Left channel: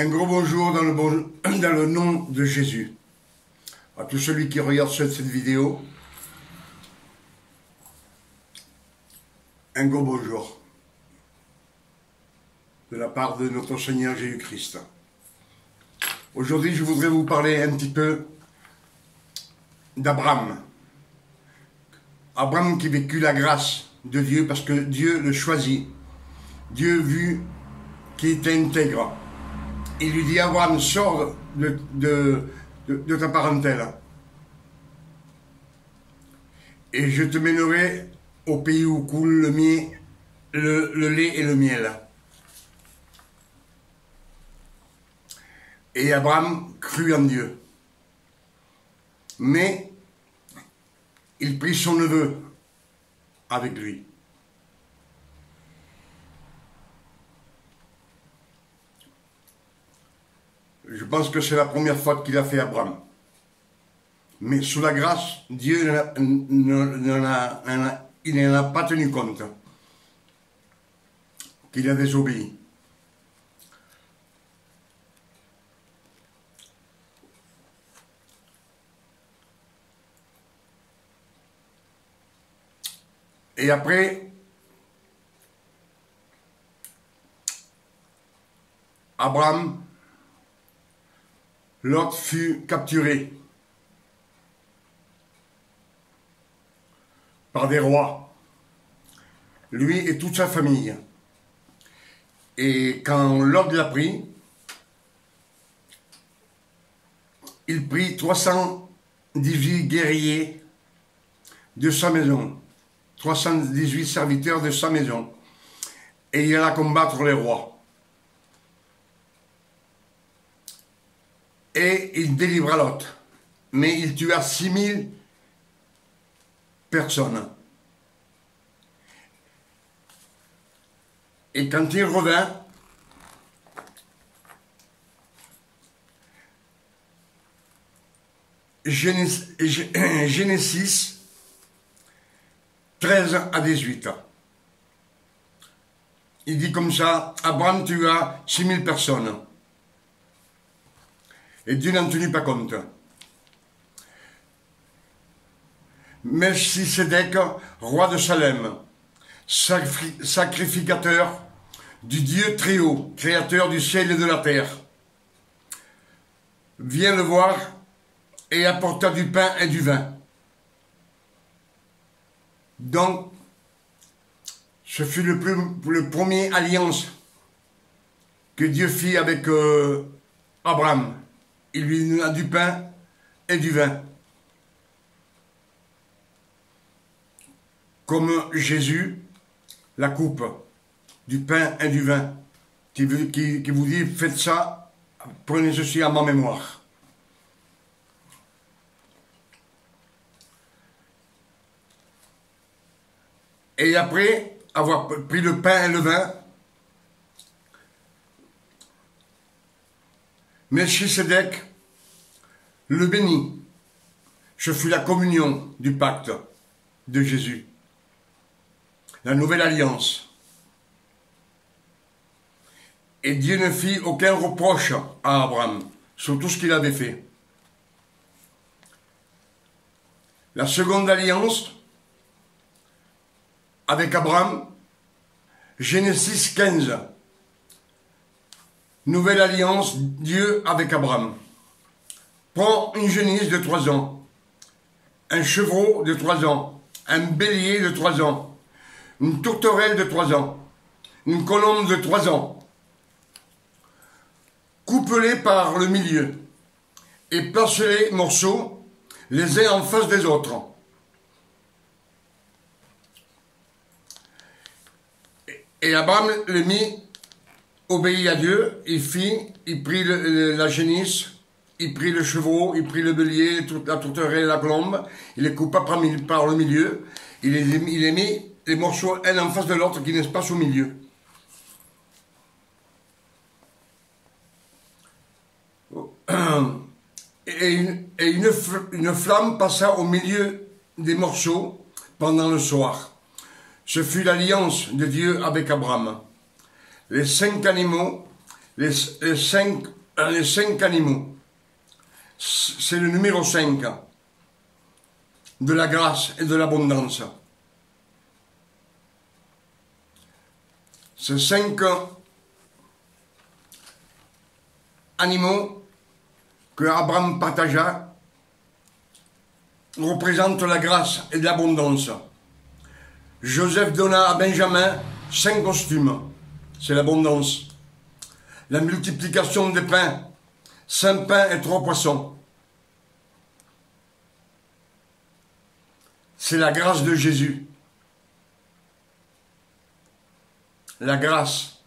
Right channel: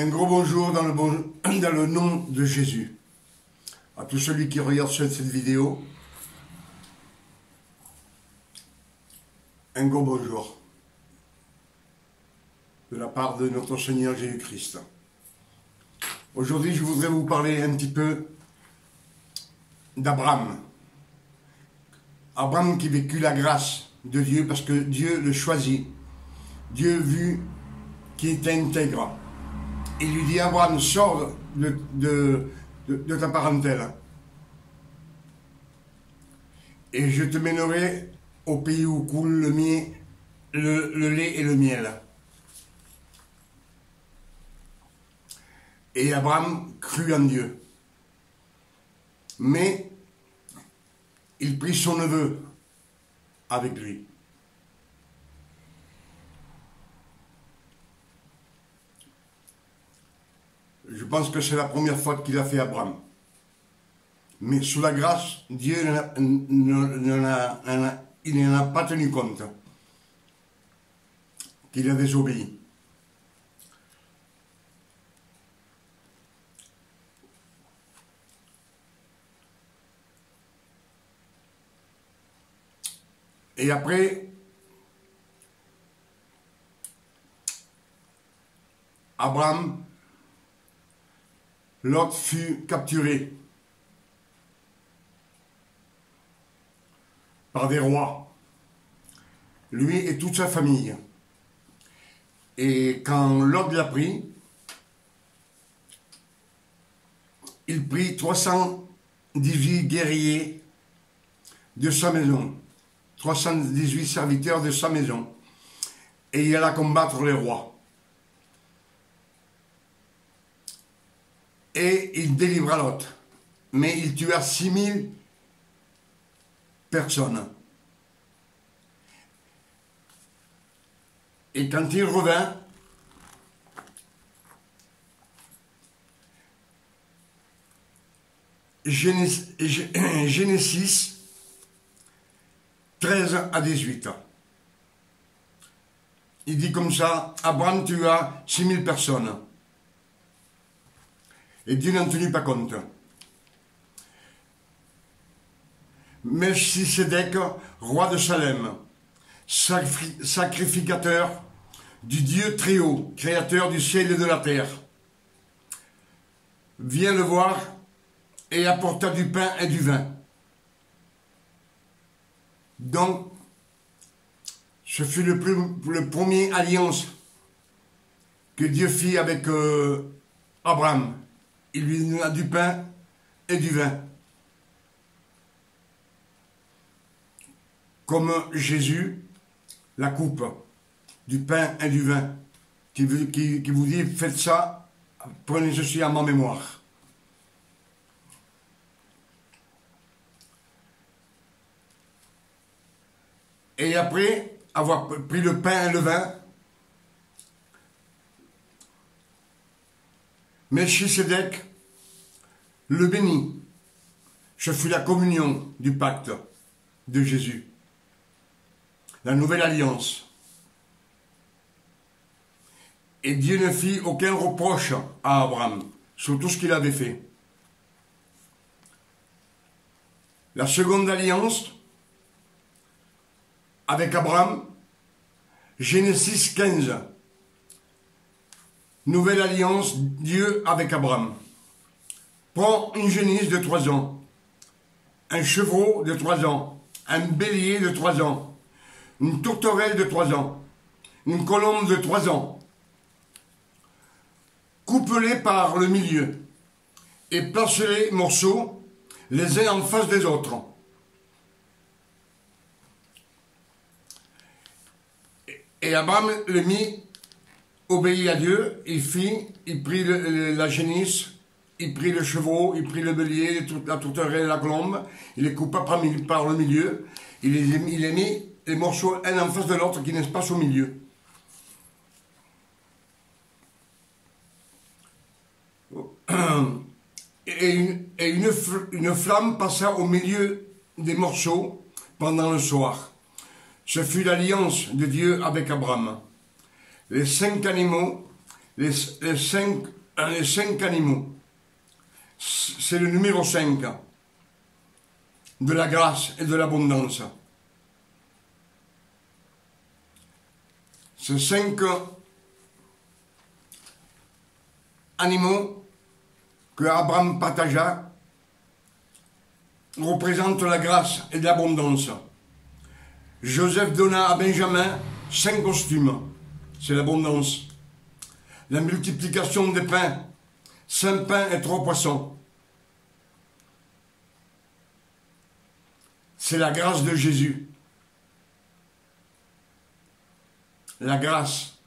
Un gros bonjour dans le nom de Jésus. À tous celui qui regarde cette vidéo, un gros bonjour de la part de notre Seigneur Jésus-Christ. Aujourd'hui, je voudrais vous parler un petit peu d'Abraham. Abraham qui vécut la grâce de Dieu parce que Dieu le choisit. Dieu vu qu'il était intègre. Il lui dit, Abraham, sors de ta parentèle et je te mènerai au pays où coule le lait et le miel. Et Abraham crut en Dieu. Mais il prit son neveu avec lui. Je pense que c'est la première fois qu'il a fait Abraham. Mais sous la grâce, Dieu n'en a pas tenu compte qu'il a désobéi. Et après, Abraham, Lot fut capturé par des rois, lui et toute sa famille. Et quand Lot l'a pris, il prit 318 guerriers de sa maison, 318 serviteurs de sa maison, et il alla combattre les rois. Et il délivra Lot. Mais il tua 6000 personnes. Et quand il revint, Genèse 13 à 18. Il dit comme ça, Abraham tua 6000 personnes. Et Dieu n'en tenait pas compte. Melchisédek, roi de Salem, sacrificateur du Dieu très haut, créateur du ciel et de la terre, vient le voir et apporta du pain et du vin. Donc, ce fut le premier alliance que Dieu fit avec Abraham. Il lui donna du pain et du vin. Comme Jésus, la coupe du pain et du vin, qui vous dit, faites ça, prenez ceci à ma mémoire. Et après avoir pris le pain et le vin, Melchisédek le bénit. Ce fut la communion du pacte de Jésus. La nouvelle alliance. Et Dieu ne fit aucun reproche à Abraham sur tout ce qu'il avait fait. La seconde alliance avec Abraham, Genèse 15. Nouvelle alliance, Dieu avec Abraham. Prends une génisse de 3 ans, un chevreau de 3 ans, un bélier de 3 ans, une tourterelle de 3 ans, une colombe de 3 ans. Coupe-les par le milieu et place-les morceaux les uns en face des autres. Et Abraham les mit, obéit à Dieu, il prit la génisse, il prit le chevreau, il prit le bélier, la tourterelle et la colombe, il les coupa par le milieu, il les mit les morceaux un en face de l'autre qui n'espace au milieu. Et une flamme passa au milieu des morceaux pendant le soir. Ce fut l'alliance de Dieu avec Abraham. Les 5 animaux les cinq animaux. C'est le numéro 5 de la grâce et de l'abondance. Ces 5 animaux que Abraham partagea représentent la grâce et l'abondance. Joseph donna à Benjamin 5 costumes, c'est l'abondance. La multiplication des pains, 5 pains et 3 poissons. C'est la grâce de Jésus. La grâce.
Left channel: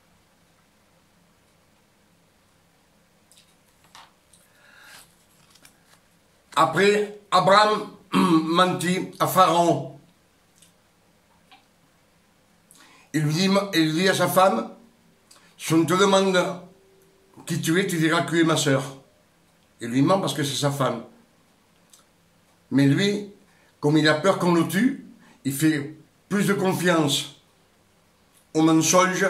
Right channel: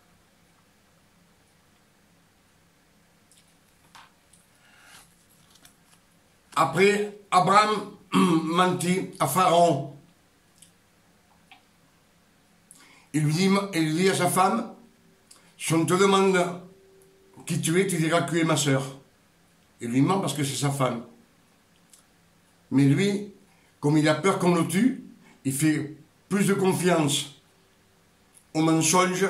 Après, Abraham mentit à Pharaon. Il lui dit à sa femme, si on te demande qui tu es, tu diras que tu es ma sœur. Il lui ment parce que c'est sa femme. Mais lui, comme il a peur qu'on le tue, il fait plus de confiance au mensonge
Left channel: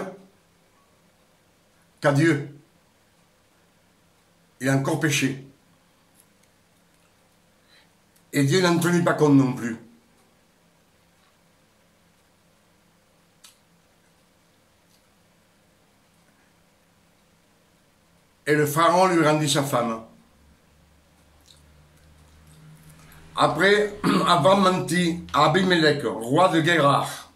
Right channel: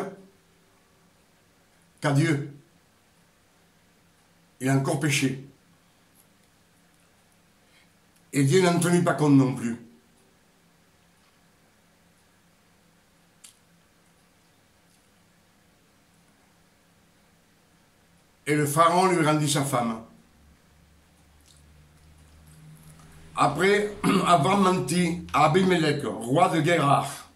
qu'à Dieu. Il a encore péché. Et Dieu n'en tenait pas compte non plus. Et le pharaon lui rendit sa femme. Après, Abraham mentit à Abimelech, roi de Guérar.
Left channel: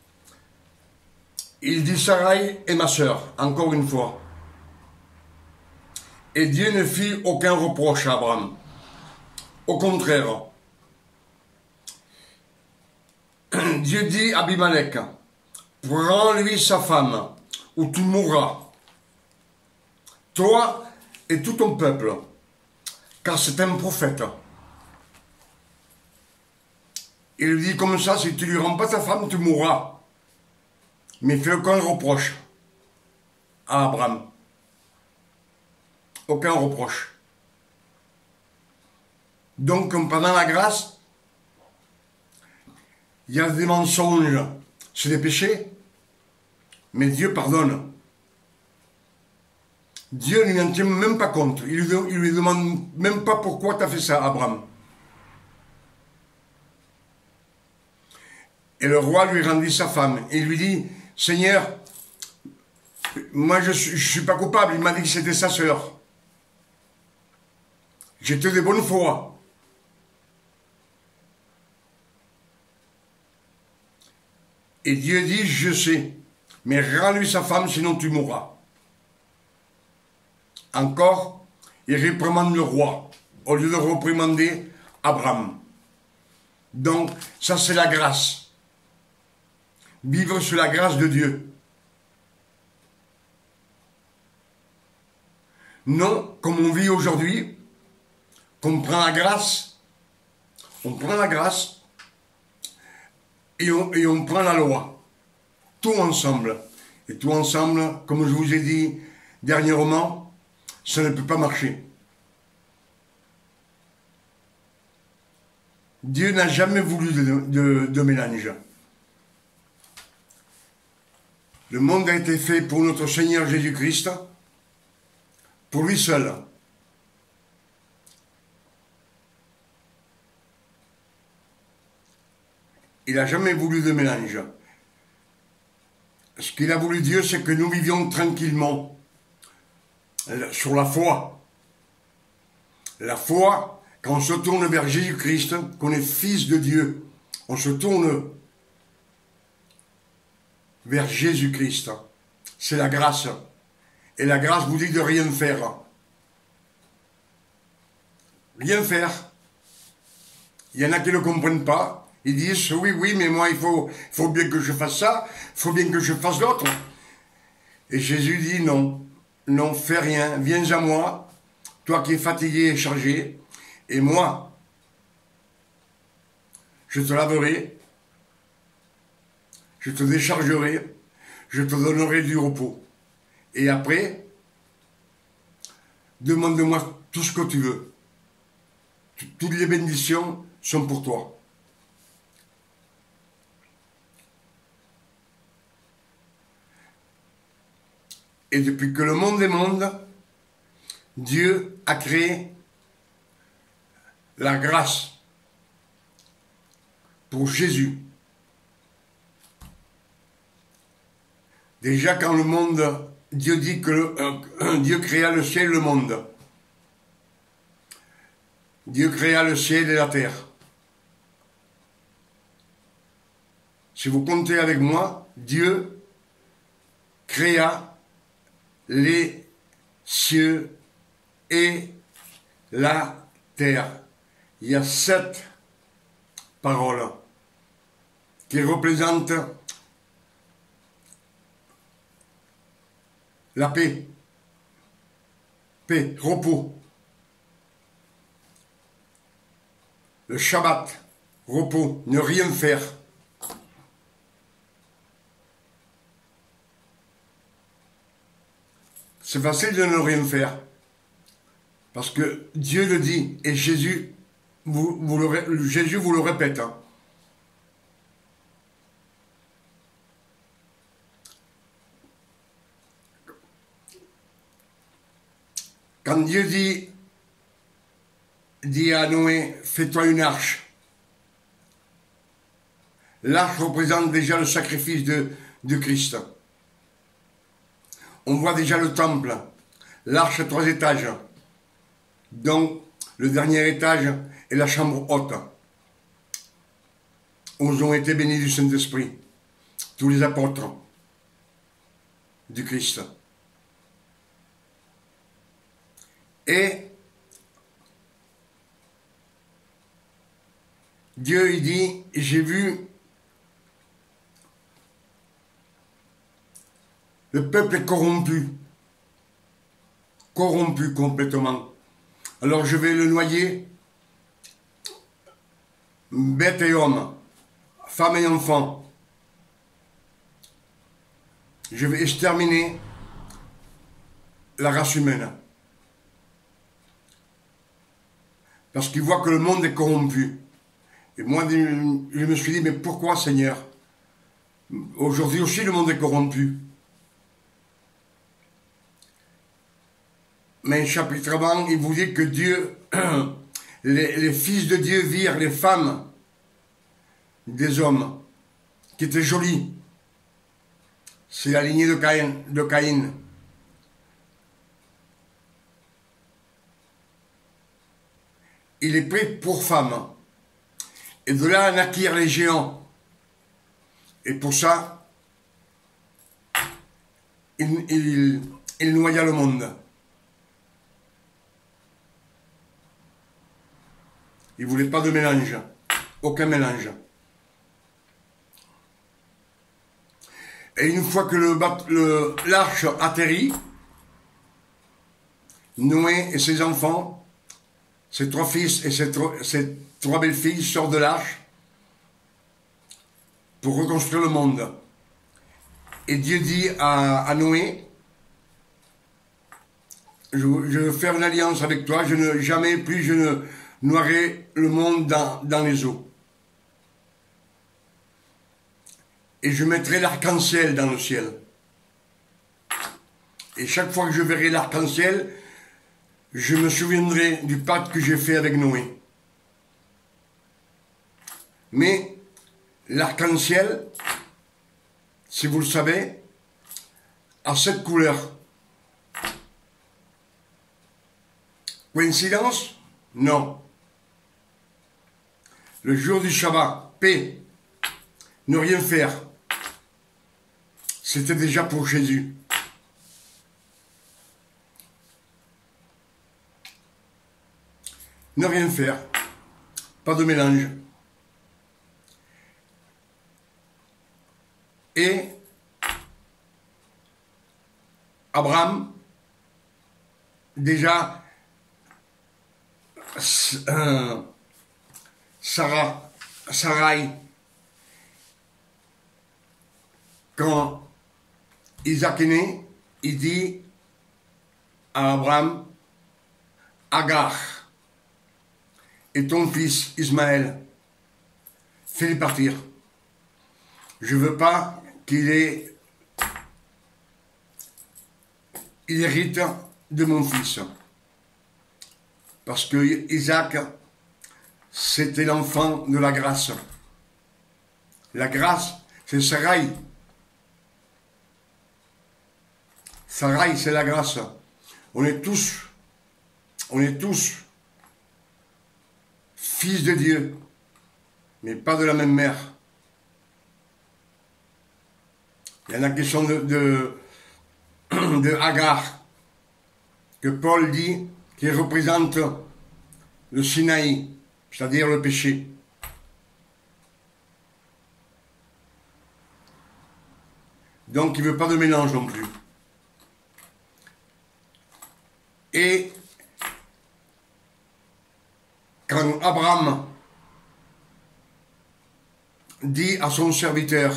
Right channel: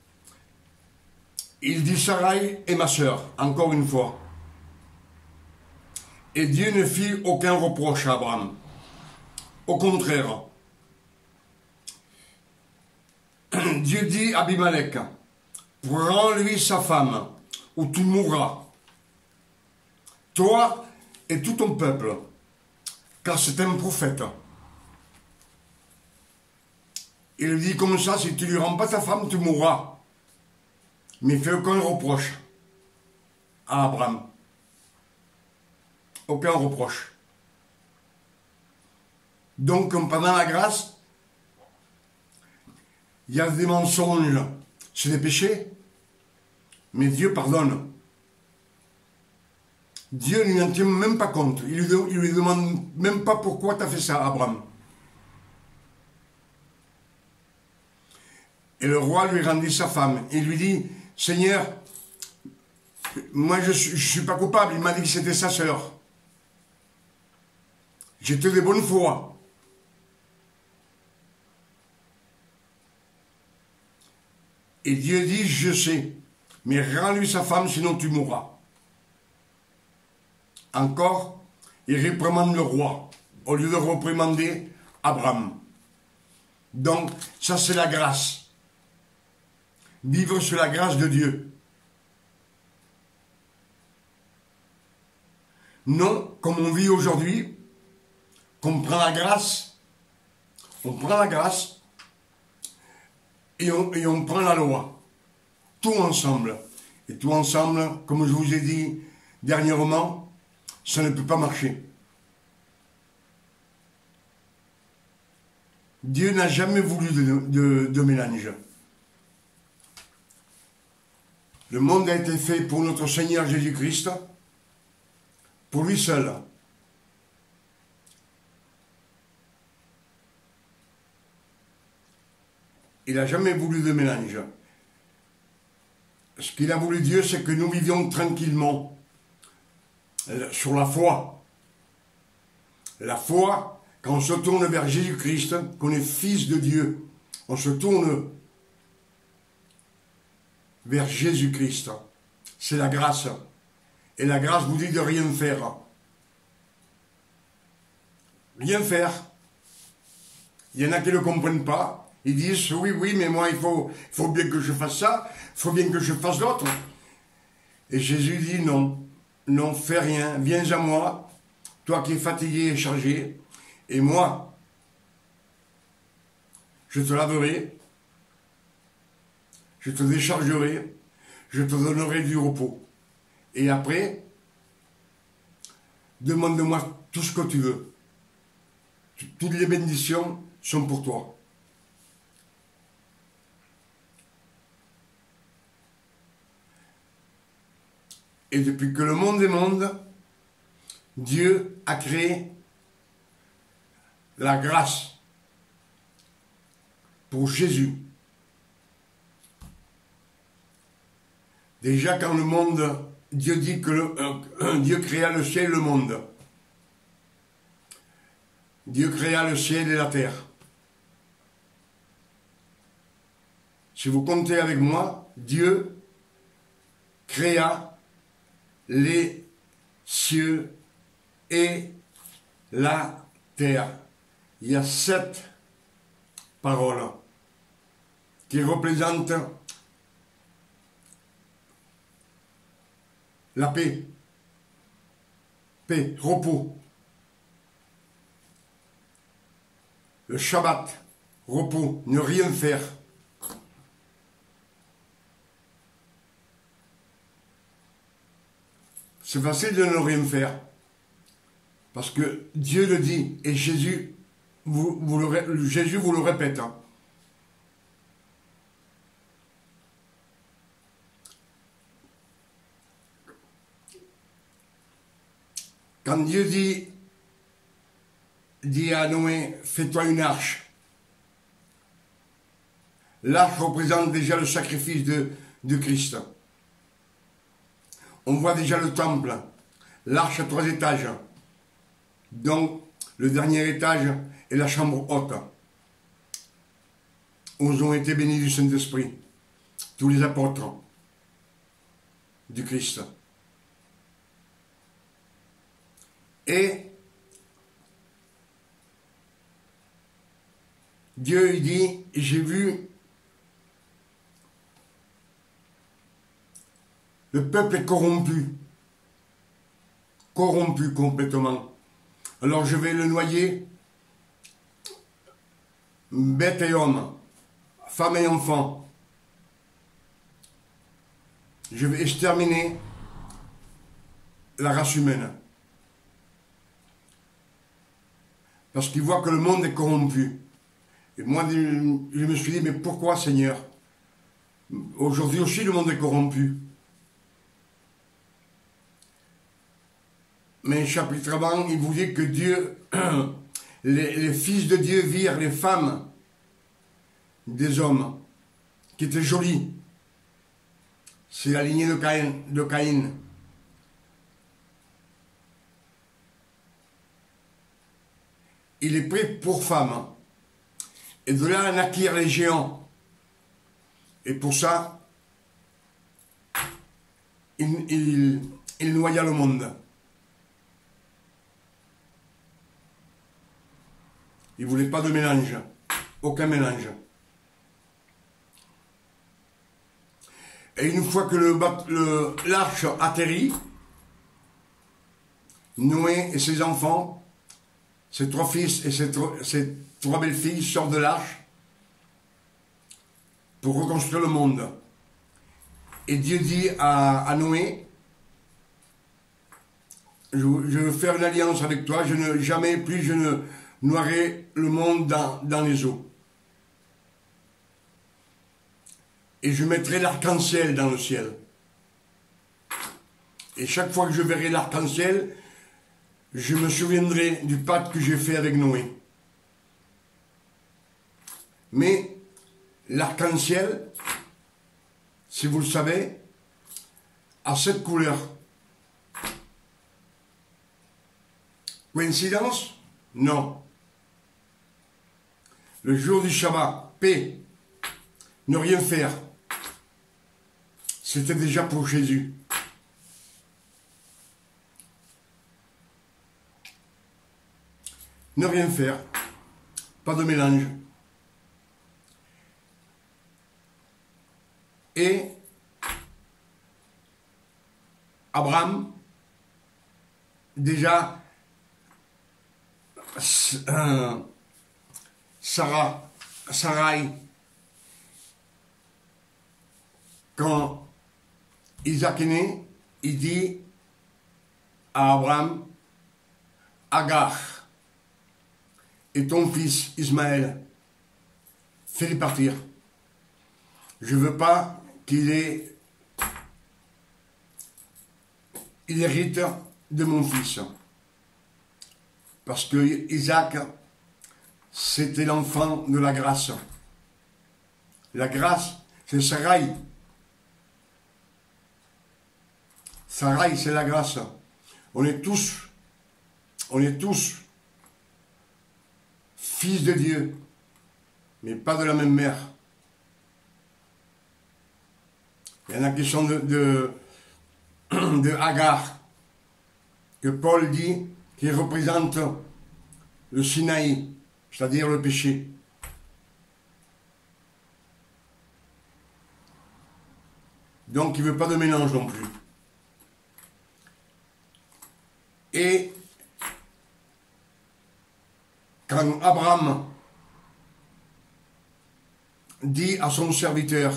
Il dit Sarai est ma sœur, encore une fois. Et Dieu ne fit aucun reproche à Abraham. Au contraire, Dieu dit à Abimelech, prends-lui sa femme, ou tu mourras, toi et tout ton peuple, car c'est un prophète. Il lui dit comme ça, si tu lui rends pas ta femme, tu mourras. Mais il ne fait aucun reproche à Abraham. Aucun reproche. Donc, pendant la grâce, il y a des mensonges, c'est des péchés, mais Dieu pardonne. Dieu ne lui en tient même pas compte. Il lui demande même pas pourquoi tu as fait ça, Abraham. Et le roi lui rendit sa femme. Et il lui dit, Seigneur, moi je suis pas coupable. Il m'a dit que c'était sa sœur. J'étais de bonne foi. Et Dieu dit, je sais, mais rends-lui sa femme, sinon tu mourras. Encore, il réprimande le roi, au lieu de réprimander Abraham. Donc, ça c'est la grâce. Vivre sur la grâce de Dieu. Non, comme on vit aujourd'hui, qu'on prend la grâce, on prend la grâce et on prend la loi. Tout ensemble. Et tout ensemble, comme je vous ai dit dernièrement, ça ne peut pas marcher. Dieu n'a jamais voulu de mélange. Le monde a été fait pour notre Seigneur Jésus-Christ, pour lui seul. Il n'a jamais voulu de mélange. Ce qu'il a voulu Dieu, c'est que nous vivions tranquillement sur la foi. La foi, quand on se tourne vers Jésus-Christ, qu'on est fils de Dieu, on se tourne vers Jésus-Christ. C'est la grâce. Et la grâce vous dit de rien faire. Rien faire. Il y en a qui ne le comprennent pas. Ils disent, oui, mais moi, il faut bien que je fasse ça, il faut bien que je fasse l'autre. Et Jésus dit, non, non, fais rien, viens à moi, toi qui es fatigué et chargé, et moi, je te laverai, je te déchargerai, je te donnerai du repos. Et après, demande-moi tout ce que tu veux. Toutes les bénédictions sont pour toi. Et depuis que le monde est monde, Dieu a créé la grâce pour Jésus. Déjà quand le monde, Dieu dit que Dieu créa le ciel et le monde. Dieu créa le ciel et la terre. Si vous comptez avec moi, Dieu créa les cieux et la terre. Il y a 7 paroles qui représentent la paix, repos, le Shabbat, repos, ne rien faire. C'est facile de ne rien faire, parce que Dieu le dit, et Jésus vous le répète. Hein. Quand Dieu dit à Noé, fais-toi une arche. L'arche représente déjà le sacrifice de Christ. On voit déjà le temple, l'arche à 3 étages, dont le dernier étage est la chambre haute, où ont été bénis du Saint-Esprit, tous les apôtres du Christ. Et Dieu, il dit, j'ai vu le peuple est corrompu complètement. Alors je vais le noyer, bête et homme, femme et enfant. Je vais exterminer la race humaine. Parce qu'il voit que le monde est corrompu. Et moi, je me suis dit, mais pourquoi, Seigneur? Aujourd'hui aussi, le monde est corrompu. Mais chapitre avant, il vous dit que Dieu, les fils de Dieu virent les femmes des hommes qui étaient jolies. C'est la lignée de Caïn. Il est pris pour femme. Et de là naquirent les géants. Et pour ça, il noya le monde. Il ne voulait pas de mélange. Aucun mélange. Et une fois que l'arche atterrit, Noé et ses enfants, ses 3 fils et ses 3 belles-filles sortent de l'arche pour reconstruire le monde. Et Dieu dit à Noé, je veux faire une alliance avec toi, jamais plus je ne noierai le monde dans les eaux. Et je mettrai l'arc-en-ciel dans le ciel. Et chaque fois que je verrai l'arc-en-ciel, je me souviendrai du pacte que j'ai fait avec Noé. Mais l'arc-en-ciel, si vous le savez, a 7 couleurs. Coïncidence? Non. Le jour du Shabbat, paix, ne rien faire. C'était déjà pour Jésus. Ne rien faire. Pas de mélange. Et Abraham, déjà, Sarai, quand Isaac est né, il dit à Abraham, Agar et ton fils Ismaël, fais-les partir. Je ne veux pas qu'il hérite de mon fils. Parce que Isaac, c'était l'enfant de la grâce. La grâce, c'est Sarai. Sarai, c'est la grâce. On est tous fils de Dieu, mais pas de la même mère. Il y en a qui sont de Agar, que Paul dit, qui représente le Sinaï, c'est-à-dire le péché. Donc il ne veut pas de mélange non plus. Et quand Abraham dit à son serviteur,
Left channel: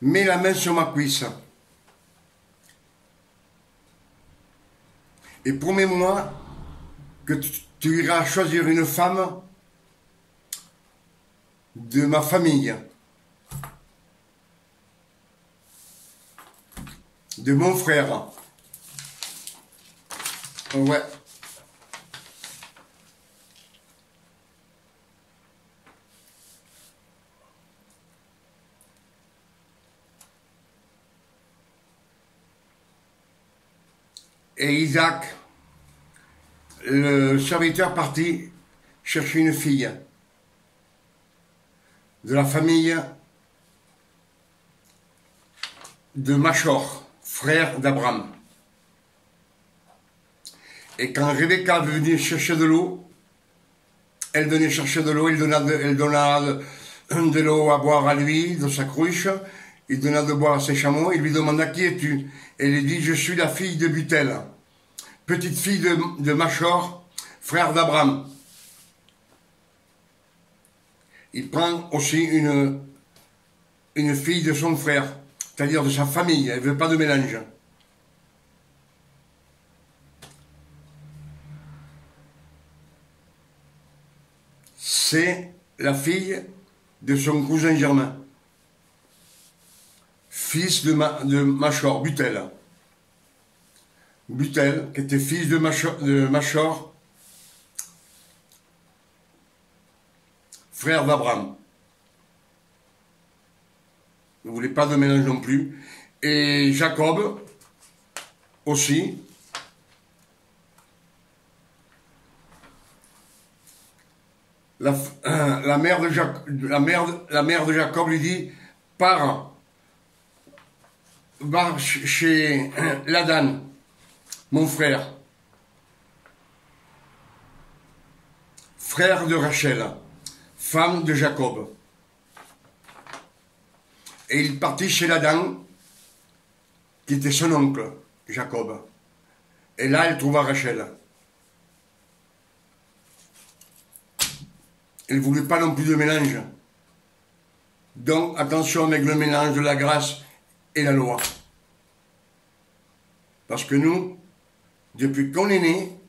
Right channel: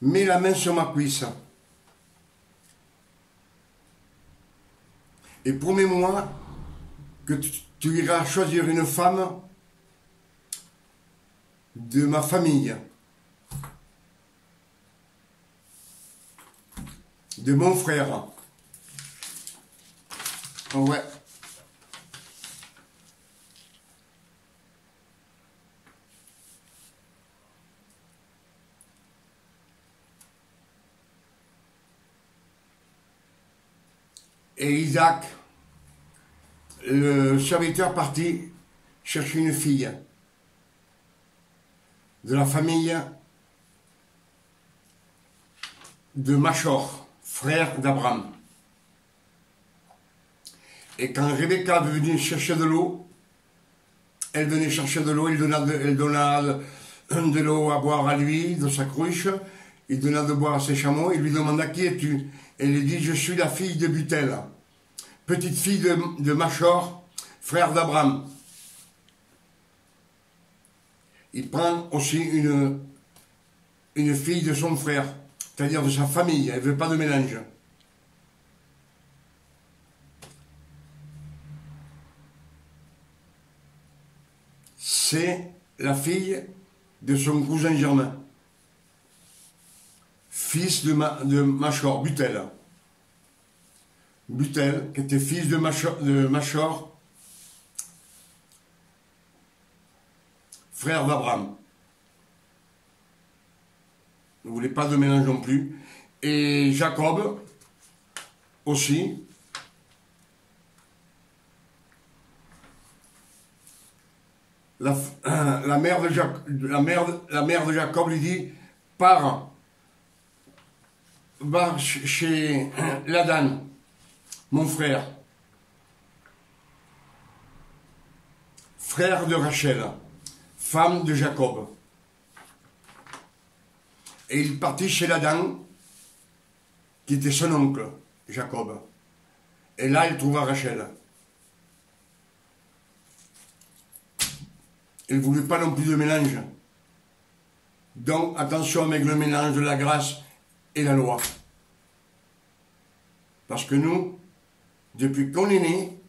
mets la main sur ma cuisse et promets-moi que tu iras choisir une femme de ma famille, de mon frère. Ouais. Et Isaac, le serviteur parti chercher une fille de la famille de Machor, frère d'Abraham. Et quand Rebecca venait chercher de l'eau, elle venait chercher de l'eau, elle donna de l'eau à boire à lui, de sa cruche, il donna de boire à ses chameaux, il lui demanda qui es-tu? Elle lui dit, je suis la fille de Butel, petite fille de Machor, frère d'Abraham. Il prend aussi une fille de son frère, c'est-à-dire de sa famille, elle ne veut pas de mélange. C'est la fille de son cousin germain, fils de Machor, Butel. Butel, qui était fils de Machor, frère d'Abraham. Ne voulait pas de mélange non plus. Et Jacob aussi. La mère de Jacob lui dit, va chez Ladan, mon frère, frère de Rachel, femme de Jacob. Et il partit chez Ladan, qui était son oncle, Jacob. Et là, il trouva Rachel. Elle ne voulait pas non plus de mélange. Donc, attention avec le mélange de la grâce et la loi. Parce que nous, depuis qu'on est né,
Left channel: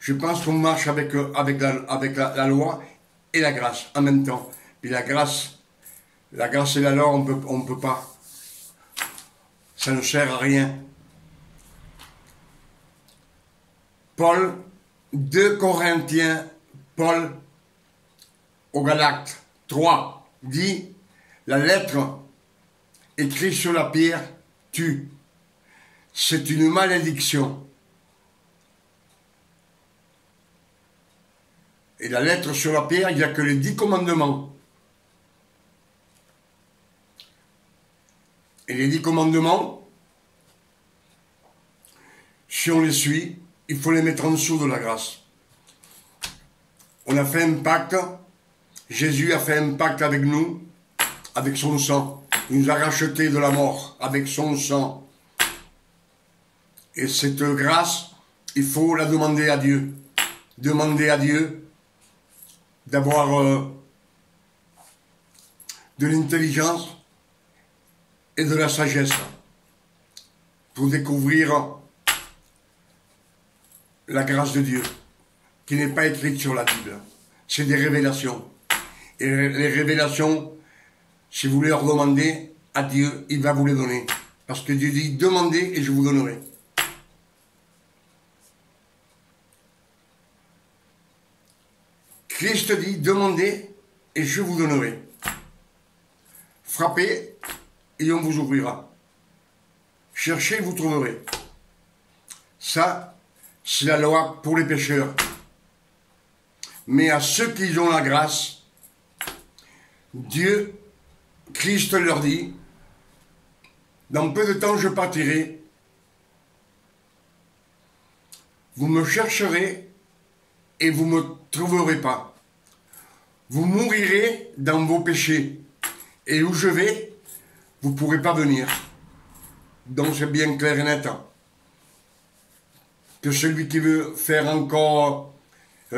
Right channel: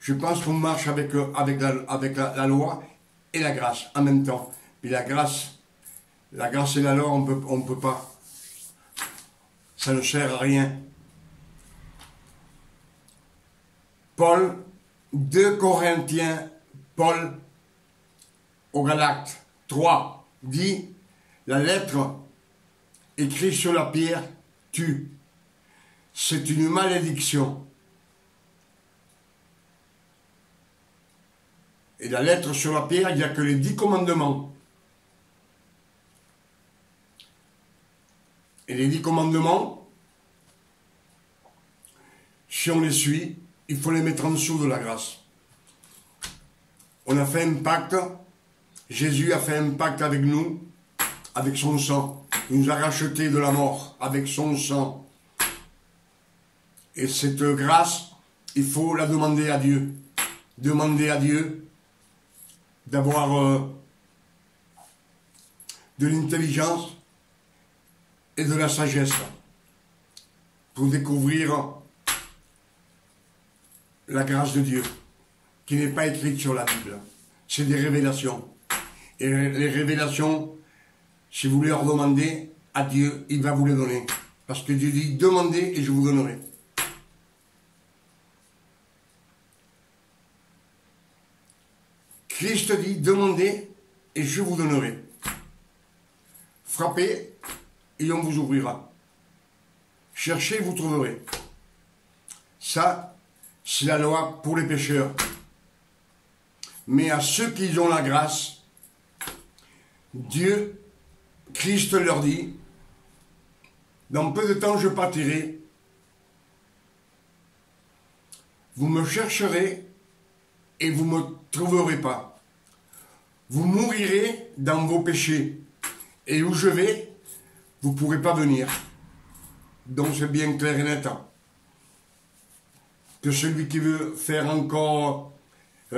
je pense qu'on marche avec la loi et la grâce en même temps. Puis la grâce et la loi, on peut pas. Ça ne sert à rien. Paul, 2 Corinthiens, Paul, au Galates 3, dit, la lettre écrite sur la pierre tue. C'est une malédiction. Et la lettre sur la pierre, il n'y a que les 10 commandements. Et les 10 commandements, si on les suit, il faut les mettre en dessous de la grâce. On a fait un pacte, Jésus a fait un pacte avec nous, avec son sang. Il nous a rachetés de la mort avec son sang. Et cette grâce, il faut la demander à Dieu. Demander à Dieu d'avoir de l'intelligence et de la sagesse pour découvrir la grâce de Dieu, qui n'est pas écrite sur la Bible. C'est des révélations. Et les révélations, si vous les leur demandez à Dieu, il va vous les donner. Parce que Dieu dit, demandez et je vous donnerai. Christ dit, demandez et je vous donnerai. Frappez et on vous ouvrira. Cherchez, vous trouverez. Ça, c'est la loi pour les pécheurs. Mais à ceux qui ont la grâce, Dieu, Christ leur dit, dans peu de temps je partirai, vous me chercherez et vous ne me trouverez pas. Vous mourirez dans vos péchés, et où je vais, vous ne pourrez pas venir. Donc c'est bien clair et net. Que celui qui veut faire encore, ça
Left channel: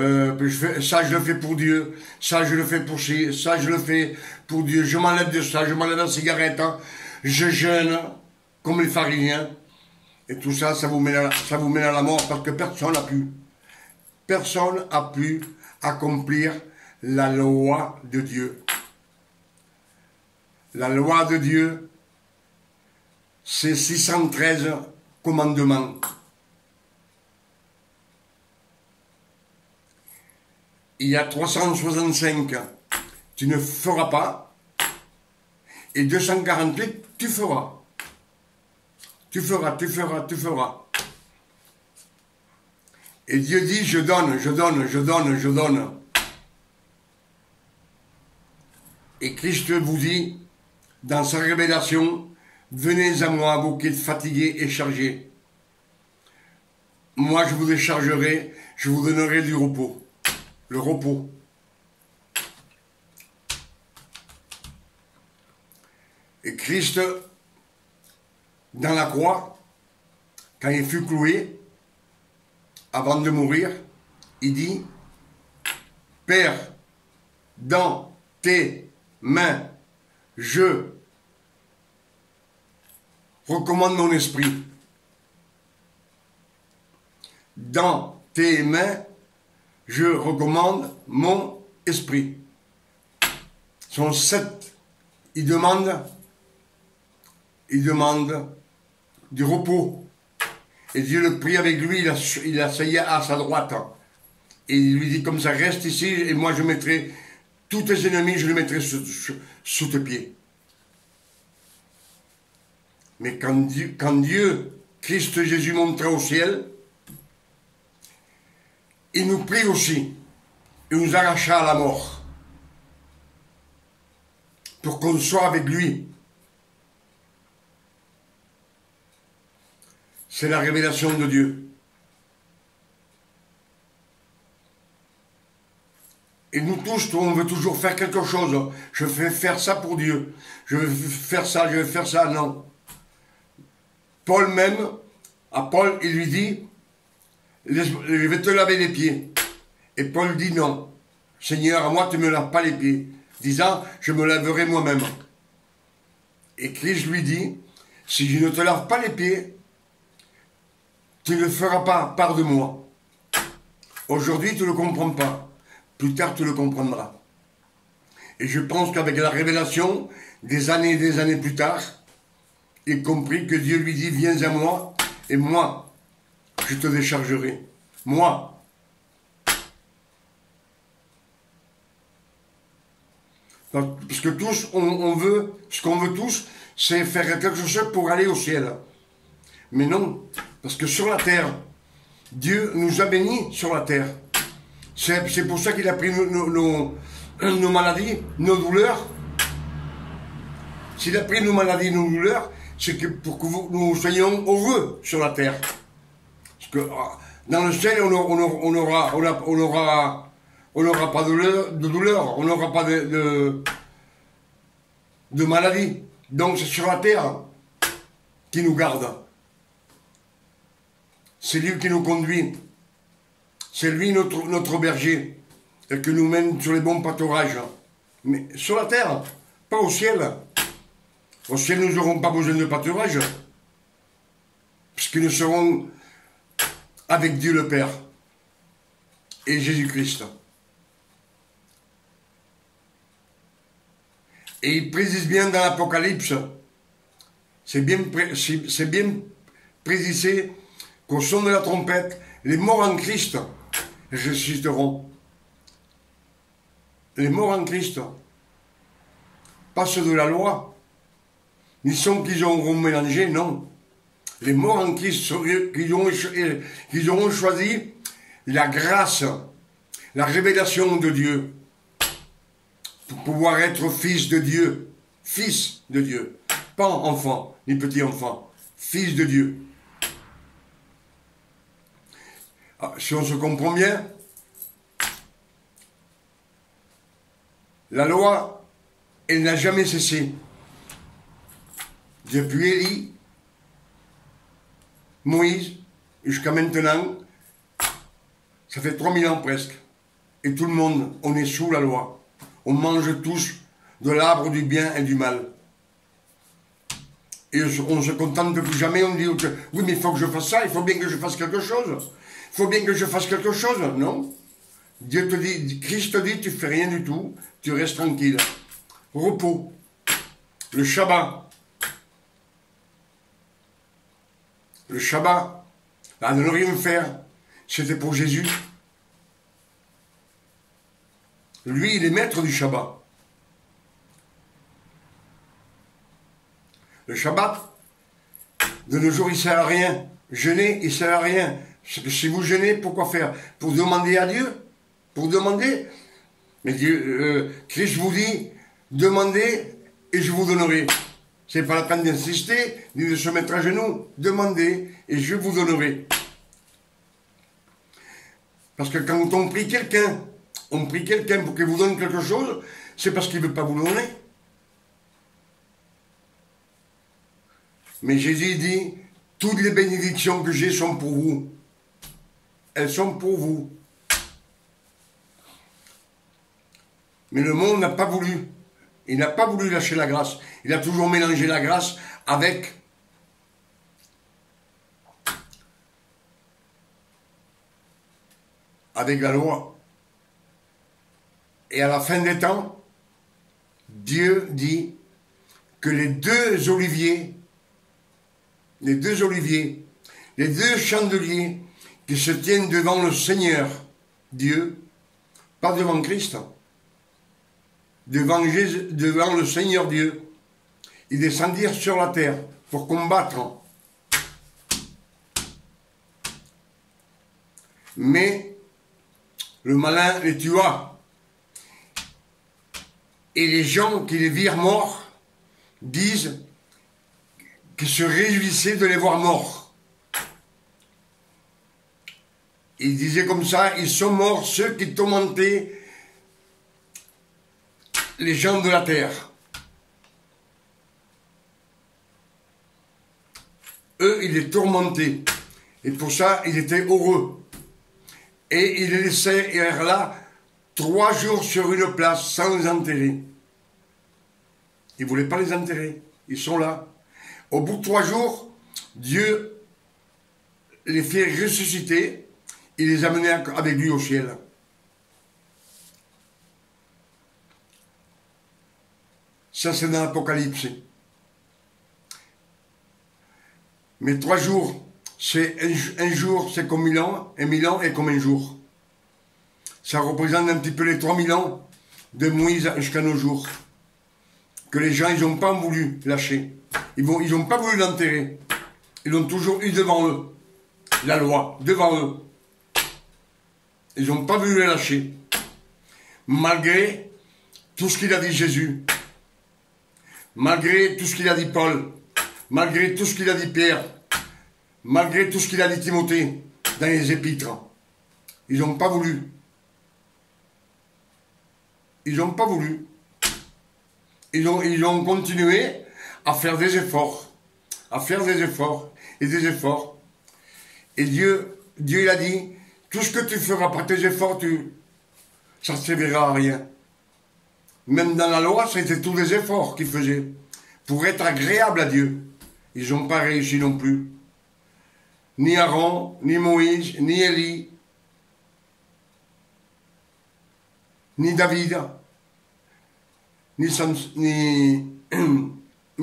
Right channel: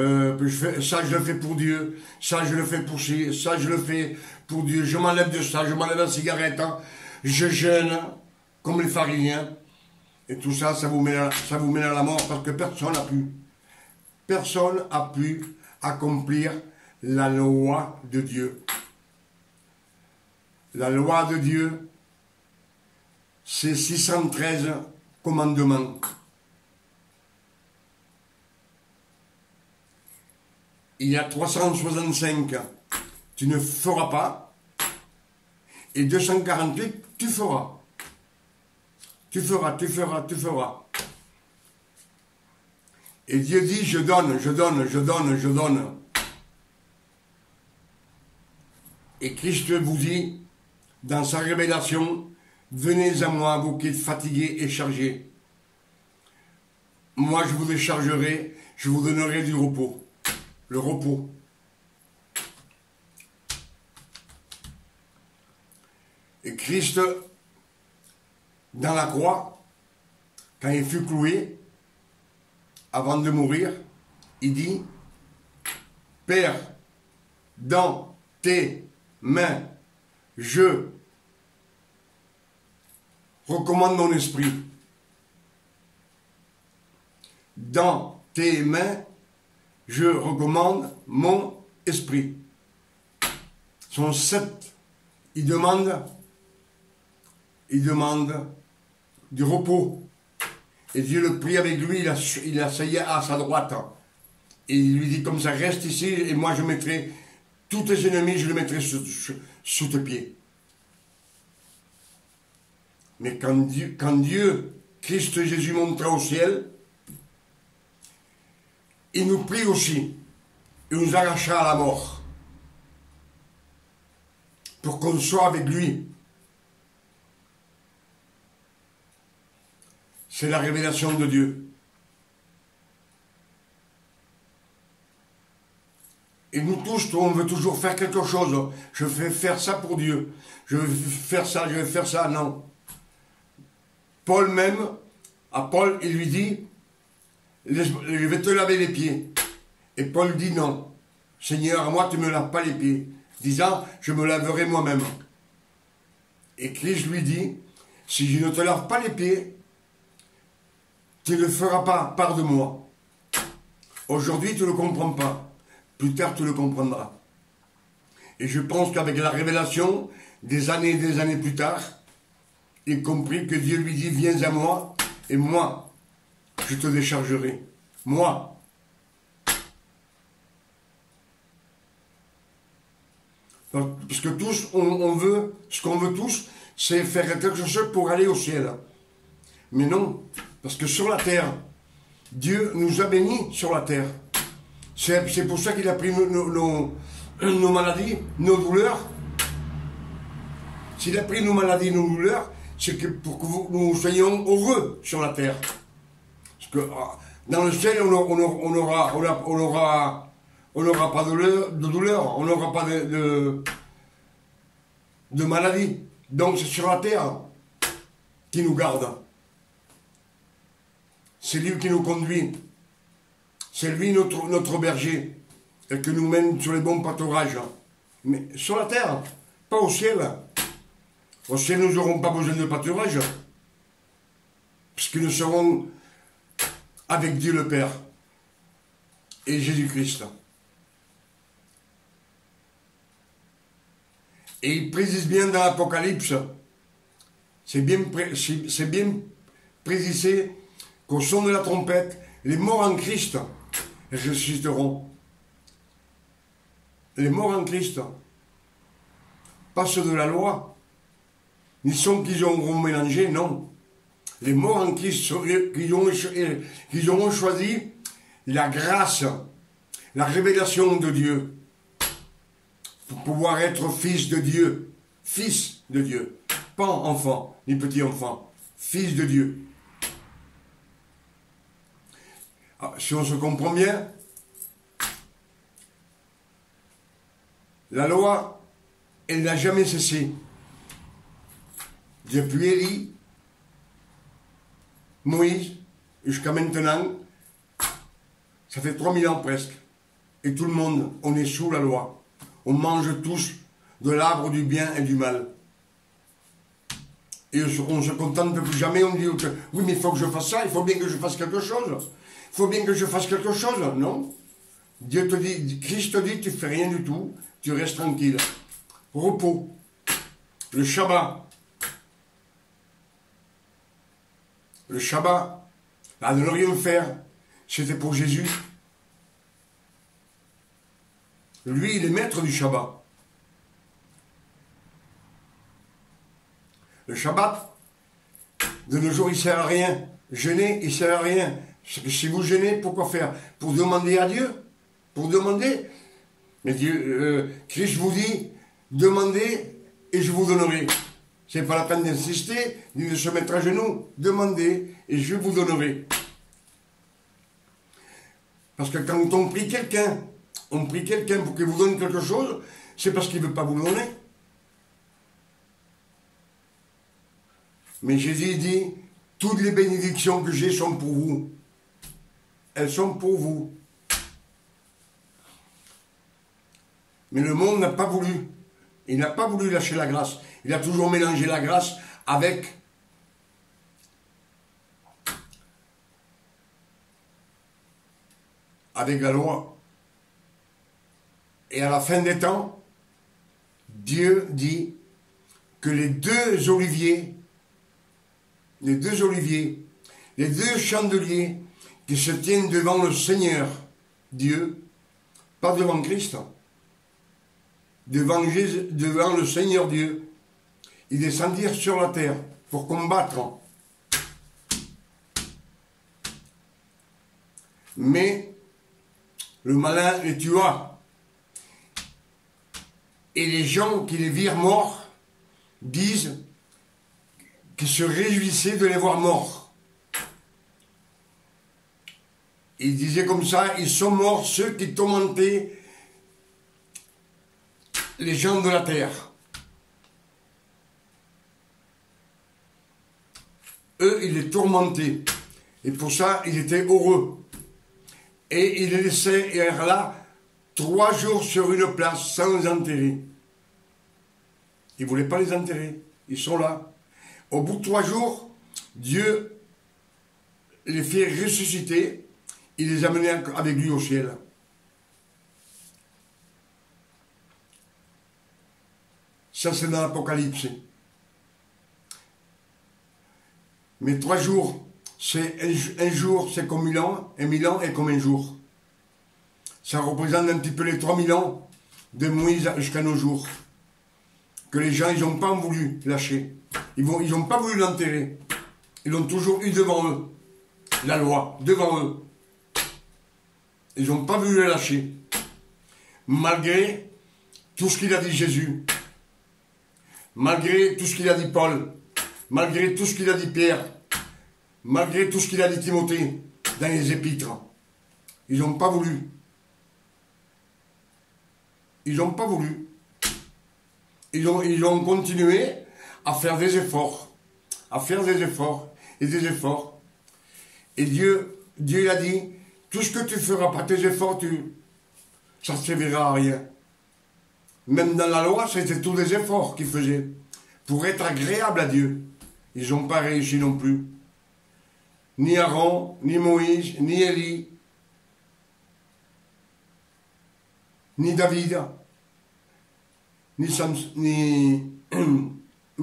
je le fais pour Dieu, ça je le fais pour ci, ça je le fais pour Dieu, je m'enlève de ça, je m'enlève la cigarette, je jeûne comme les pharisiens, et tout ça, ça vous mène à la mort parce que personne n'a pu accomplir la loi de Dieu. La loi de Dieu, c'est 613 commandements. Il y a 365, tu ne feras pas, et 248, tu feras. Tu feras. Et Dieu dit, je donne. Et Christ vous dit, dans sa révélation, venez à moi, vous qui êtes fatigués et chargés. Moi, je vous déchargerai, je vous donnerai du repos. Le repos. Et Christ, dans la croix, quand il fut cloué, avant de mourir, il dit, Père, dans tes mains, je recommande mon esprit. Dans tes mains, je recommande mon esprit. Son 7, il demande du repos. Et Dieu le prie avec lui, il asseyait à sa droite. Et il lui dit comme ça, reste ici et moi je mettrai tous tes ennemis, je les mettrai sous tes pieds. Mais quand Dieu, Christ Jésus montra au ciel, il nous prie aussi. Il nous arracha à la mort. Pour qu'on soit avec lui. C'est la révélation de Dieu. Et nous tous, on veut toujours faire quelque chose. Je vais faire ça pour Dieu. Je vais faire ça, non. Paul même, à Paul, il lui dit, je vais te laver les pieds. Et Paul dit non. Seigneur, à moi, tu ne me laves pas les pieds. Disant, je me laverai moi-même. Et Christ lui dit, si je ne te lave pas les pieds, tu ne feras pas part de moi. Aujourd'hui, tu ne le comprends pas. Plus tard, tu le comprendras. Et je pense qu'avec la révélation, des années et des années plus tard, il comprit que Dieu lui dit, viens à moi, et moi, je te déchargerai. Moi. Parce que tous, on veut, ce qu'on veut tous, c'est faire quelque chose pour aller au ciel. Mais non. Parce que sur la terre, Dieu nous a bénis sur la terre. C'est pour ça qu'il a pris nos maladies, nos douleurs. S'il a pris nos maladies, nos douleurs, c'est pour que nous soyons heureux sur la terre. Parce que dans le ciel, on n'aura pas de douleur, on n'aura pas de maladie. Donc c'est sur la terre qui nous garde. C'est lui qui nous conduit. C'est lui notre berger. Et qui nous mène sur les bons pâturages. Mais sur la terre, pas au ciel. Au ciel, nous n'aurons pas besoin de pâturage. Puisque nous serons avec Dieu le Père. Et Jésus-Christ. Et il précise bien dans l'Apocalypse. C'est bien précisé qu'au son de la trompette, les morts en Christ ressusciteront. les morts en Christ, pas ceux de la loi, ni ceux qu'ils auront mélangé, non. Les morts en Christ qui auront choisi la grâce, la révélation de Dieu, pour pouvoir être fils de Dieu, pas enfant, ni petit enfant, fils de Dieu. Si on se comprend bien, la loi, elle n'a jamais cessé. Depuis Élie, Moïse, jusqu'à maintenant, ça fait 3000 ans presque. Et tout le monde, on est sous la loi. On mange tous de l'arbre du bien et du mal. Et on ne se contente plus jamais, on dit que, oui, mais il faut que je fasse ça, il faut bien que je fasse quelque chose. Il faut bien que je fasse quelque chose, non? Dieu te dit, Christ te dit, tu fais rien du tout, tu restes tranquille. Repos. Le Shabbat. Le Shabbat, à ne rien faire, c'était pour Jésus. Lui, il est maître du Shabbat. Le Shabbat, de nos jours, il ne sert à rien. Jeûner, il ne sert à rien. Parce que si vous jeûnez, pourquoi faire? Pour demander à Dieu? Pour demander? Mais Dieu, Christ vous dit, demandez et je vous donnerai. Ce n'est pas la peine d'insister, ni de se mettre à genoux. Demandez et je vous donnerai. Parce que quand on prie quelqu'un pour qu'il vous donne quelque chose, c'est parce qu'il ne veut pas vous donner. Mais Jésus dit, toutes les bénédictions que j'ai sont pour vous. Elles sont pour vous. Mais le monde n'a pas voulu. Il n'a pas voulu lâcher la grâce. Il a toujours mélangé la grâce avec la loi. Et à la fin des temps, Dieu dit que les deux oliviers, les deux chandeliers qui se tiennent devant le Seigneur Dieu, pas devant Christ, devant le Seigneur Dieu, ils descendirent sur la terre pour combattre. Mais le malin les tua. Et les gens qui les virent morts disent qu'ils se réjouissaient de les voir morts. Ils disaient comme ça, ils sont morts ceux qui tourmentaient les gens de la terre. Eux, ils les tourmentaient. Et pour ça, ils étaient heureux. Et ils les laissaient là 3 jours sur une place sans les enterrer. Ils ne voulaient pas les enterrer. Ils sont là. Au bout de 3 jours, Dieu les fait ressusciter. Il les amenait avec lui au ciel. Ça, c'est dans l'Apocalypse. Mais 3 jours, c'est un jour, c'est comme 1000 ans, et 1000 ans est comme un jour. Ça représente un petit peu les 3000 ans de Moïse jusqu'à nos jours. Que les gens, ils n'ont pas voulu lâcher. Ils n'ont pas voulu l'enterrer. Ils l'ont toujours eu devant eux. La loi, devant eux. Ils n'ont pas voulu la lâcher. Malgré tout ce qu'il a dit Jésus. Malgré tout ce qu'il a dit Paul. Malgré tout ce qu'il a dit Pierre. Malgré tout ce qu'il a dit Timothée dans les épîtres. Ils n'ont pas voulu. Ils n'ont pas voulu. Ils ont continué à faire des efforts. À faire des efforts. Et des efforts. Et Dieu il a dit, tout ce que tu feras par tes efforts, ça ne servira à rien. Même dans la loi, c'était tous les efforts qu'ils faisaient. Pour être agréable à Dieu. Ils n'ont pas réussi non plus. Ni Aaron, ni Moïse, ni Élie, ni David, ni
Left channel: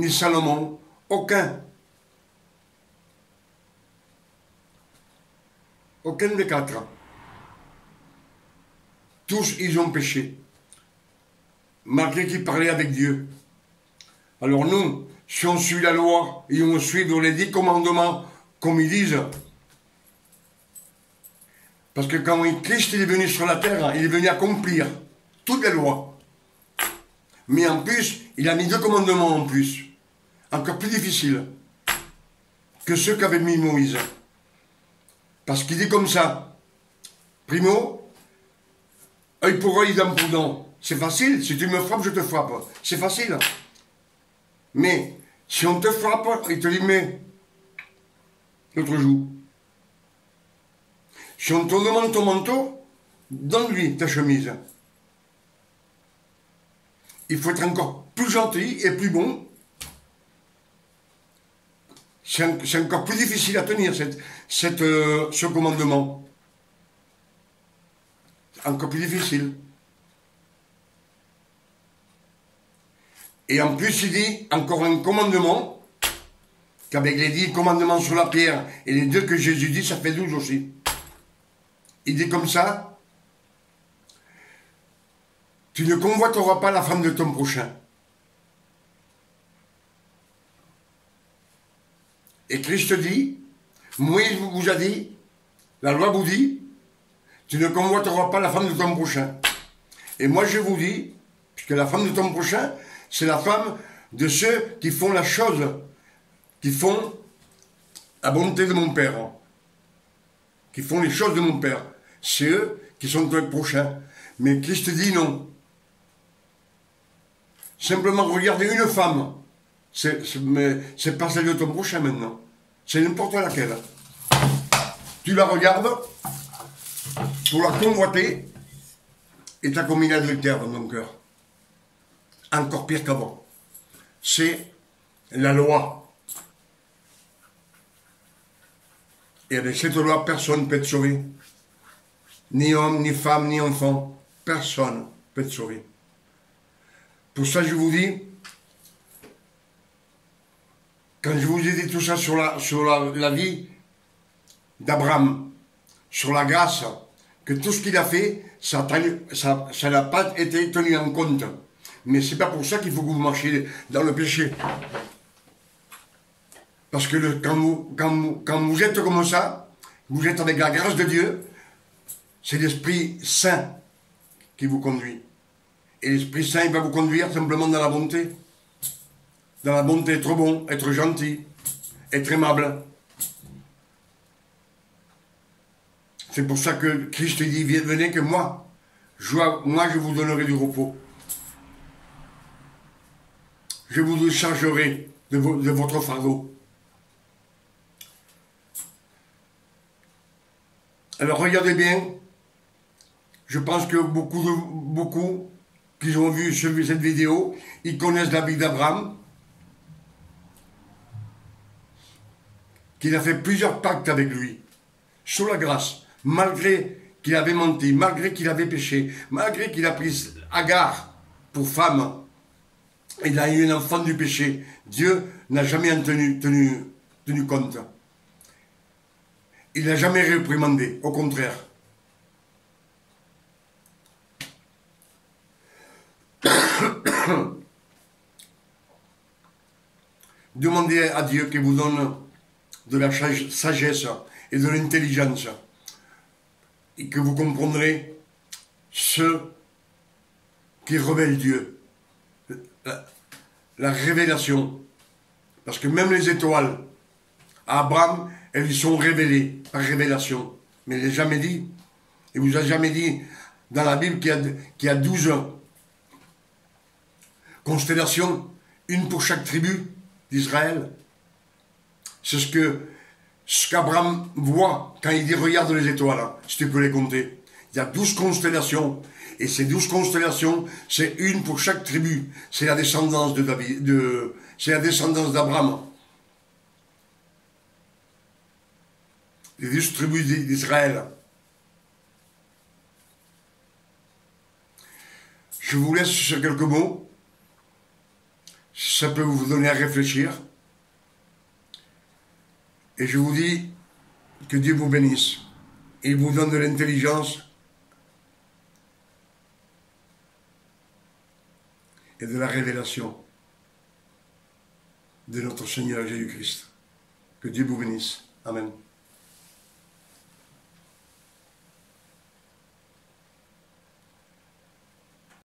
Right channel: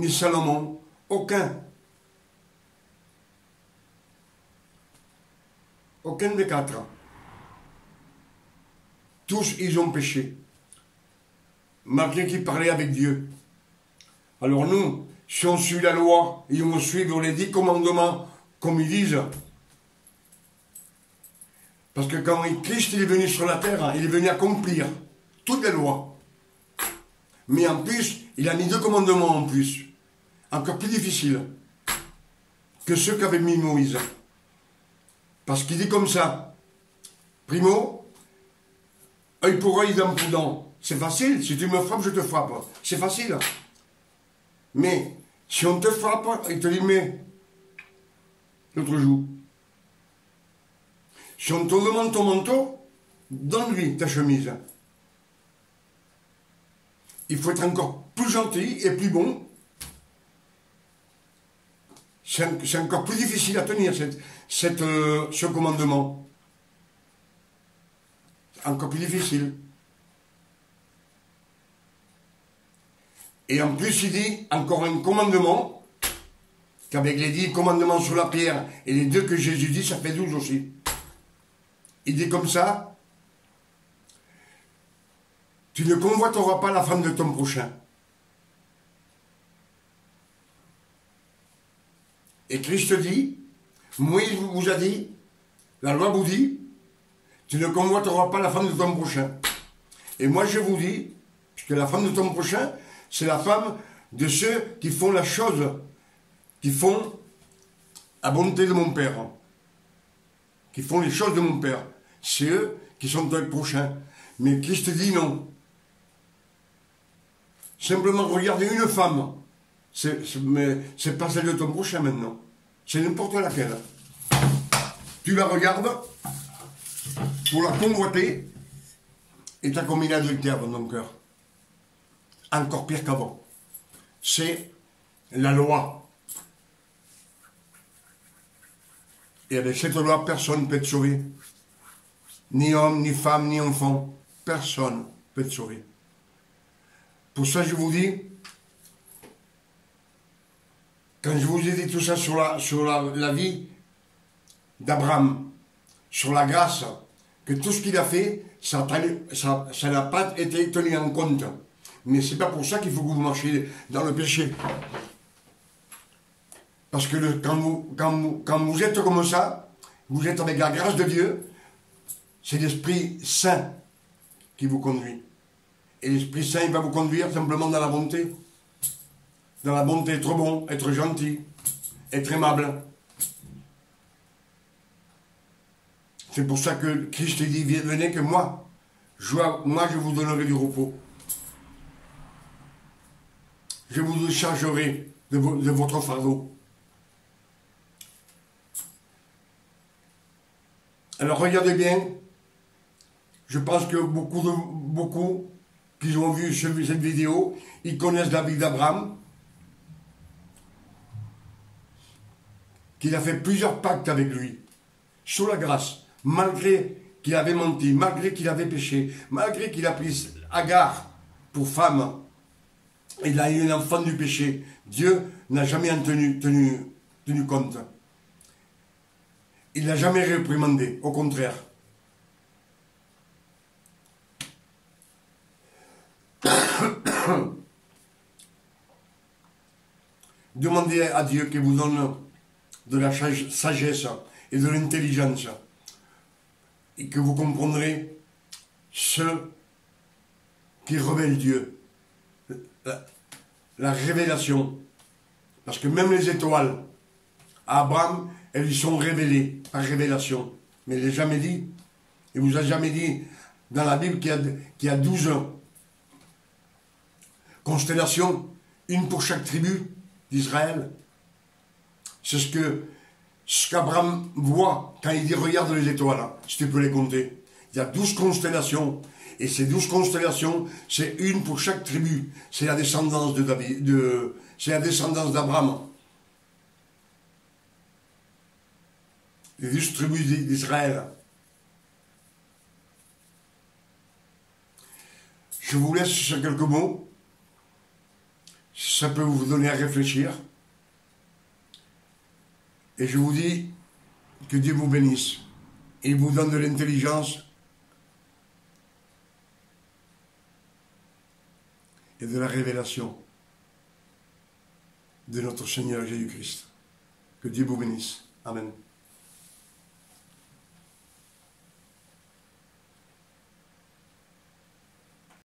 Salomon, aucun. Aucun des 4. Tous, ils ont péché. malgré qu'il parlait avec Dieu. Alors nous, si on suit la loi et on suit les 10 commandements comme ils disent, parce que quand Christ il est venu sur la terre, il est venu accomplir toutes les lois. Mais en plus, il a mis 2 commandements en plus, encore plus difficiles que ceux qu'avait mis Moïse. Parce qu'il dit comme ça, primo, œil pour œil, dent pour dent. C'est facile, si tu me frappes, je te frappe. C'est facile. Mais si on te frappe, il te dit, mais l'autre joue. Si on te demande ton manteau, donne-lui ta chemise. Il faut être encore plus gentil et plus bon. C'est encore plus difficile à tenir ce commandement. Encore plus difficile. Et en plus, il dit encore un commandement, qu'avec les 10 commandements sur la pierre et les 2 que Jésus dit, ça fait 12 aussi. Il dit comme ça, tu ne convoiteras pas la femme de ton prochain. Et Christ dit, Moïse vous a dit, la loi vous dit, tu ne convoiteras pas la femme de ton prochain. Et moi je vous dis, puisque la femme de ton prochain, c'est la femme de ceux qui font la chose, qui font la bonté de mon Père, qui font les choses de mon Père. C'est eux qui sont ton prochain. Mais Christ dit non. Simplement regarder une femme, c'est pas celle de ton prochain maintenant. C'est n'importe laquelle. Tu la regardes pour la convoiter et tu as commis l'adultère dans ton cœur. Encore pire qu'avant. C'est la loi. Et avec cette loi, personne ne peut être sauvé. Ni homme, ni femme, ni enfant. Personne ne peut être sauvé. Pour ça, je vous dis, quand je vous ai dit tout ça sur la vie d'Abraham, sur la grâce, que tout ce qu'il a fait, ça n'a pas été tenu en compte. Mais c'est pas pour ça qu'il faut que vous marchiez dans le péché. Parce que quand vous êtes comme ça, vous êtes avec la grâce de Dieu, c'est l'Esprit Saint qui vous conduit. Et l'Esprit Saint, il va vous conduire simplement dans la bonté. Dans la bonté, être bon, être gentil, être aimable. C'est pour ça que Christ dit, venez que moi, je vous donnerai du repos. Je vous déchargerai de votre fardeau. Alors regardez bien, je pense que beaucoup qui ont vu cette vidéo, ils connaissent la vie d'Abraham, qu'il a fait plusieurs pactes avec lui, sous la grâce, malgré qu'il avait menti, malgré qu'il avait péché, malgré qu'il a pris Agar pour femme, il a eu un enfant du péché. Dieu n'a jamais en tenu compte. Il n'a jamais réprimandé, au contraire. Demandez à Dieu qu'il vous donne de la sagesse et de l'intelligence et que vous comprendrez ce qui révèle Dieu. La révélation. Parce que même les étoiles, à Abraham, elles lui sont révélées par révélation. Mais il n'est jamais dit. Il ne vous a jamais dit dans la Bible qu'il y a 12 constellations, une pour chaque tribu d'Israël. C'est ce qu'Abraham voit quand il dit regarde les étoiles, si tu peux les compter. Il y a 12 constellations. Et ces 12 constellations, c'est une pour chaque tribu. C'est la descendance c'est la descendance d'Abraham. Les 12 tribus d'Israël. Je vous laisse sur quelques mots. Ça peut vous donner à réfléchir. Et je vous dis que Dieu vous bénisse. Et il vous donne de l'intelligence et de la révélation de notre Seigneur Jésus-Christ. Que Dieu vous bénisse. Amen.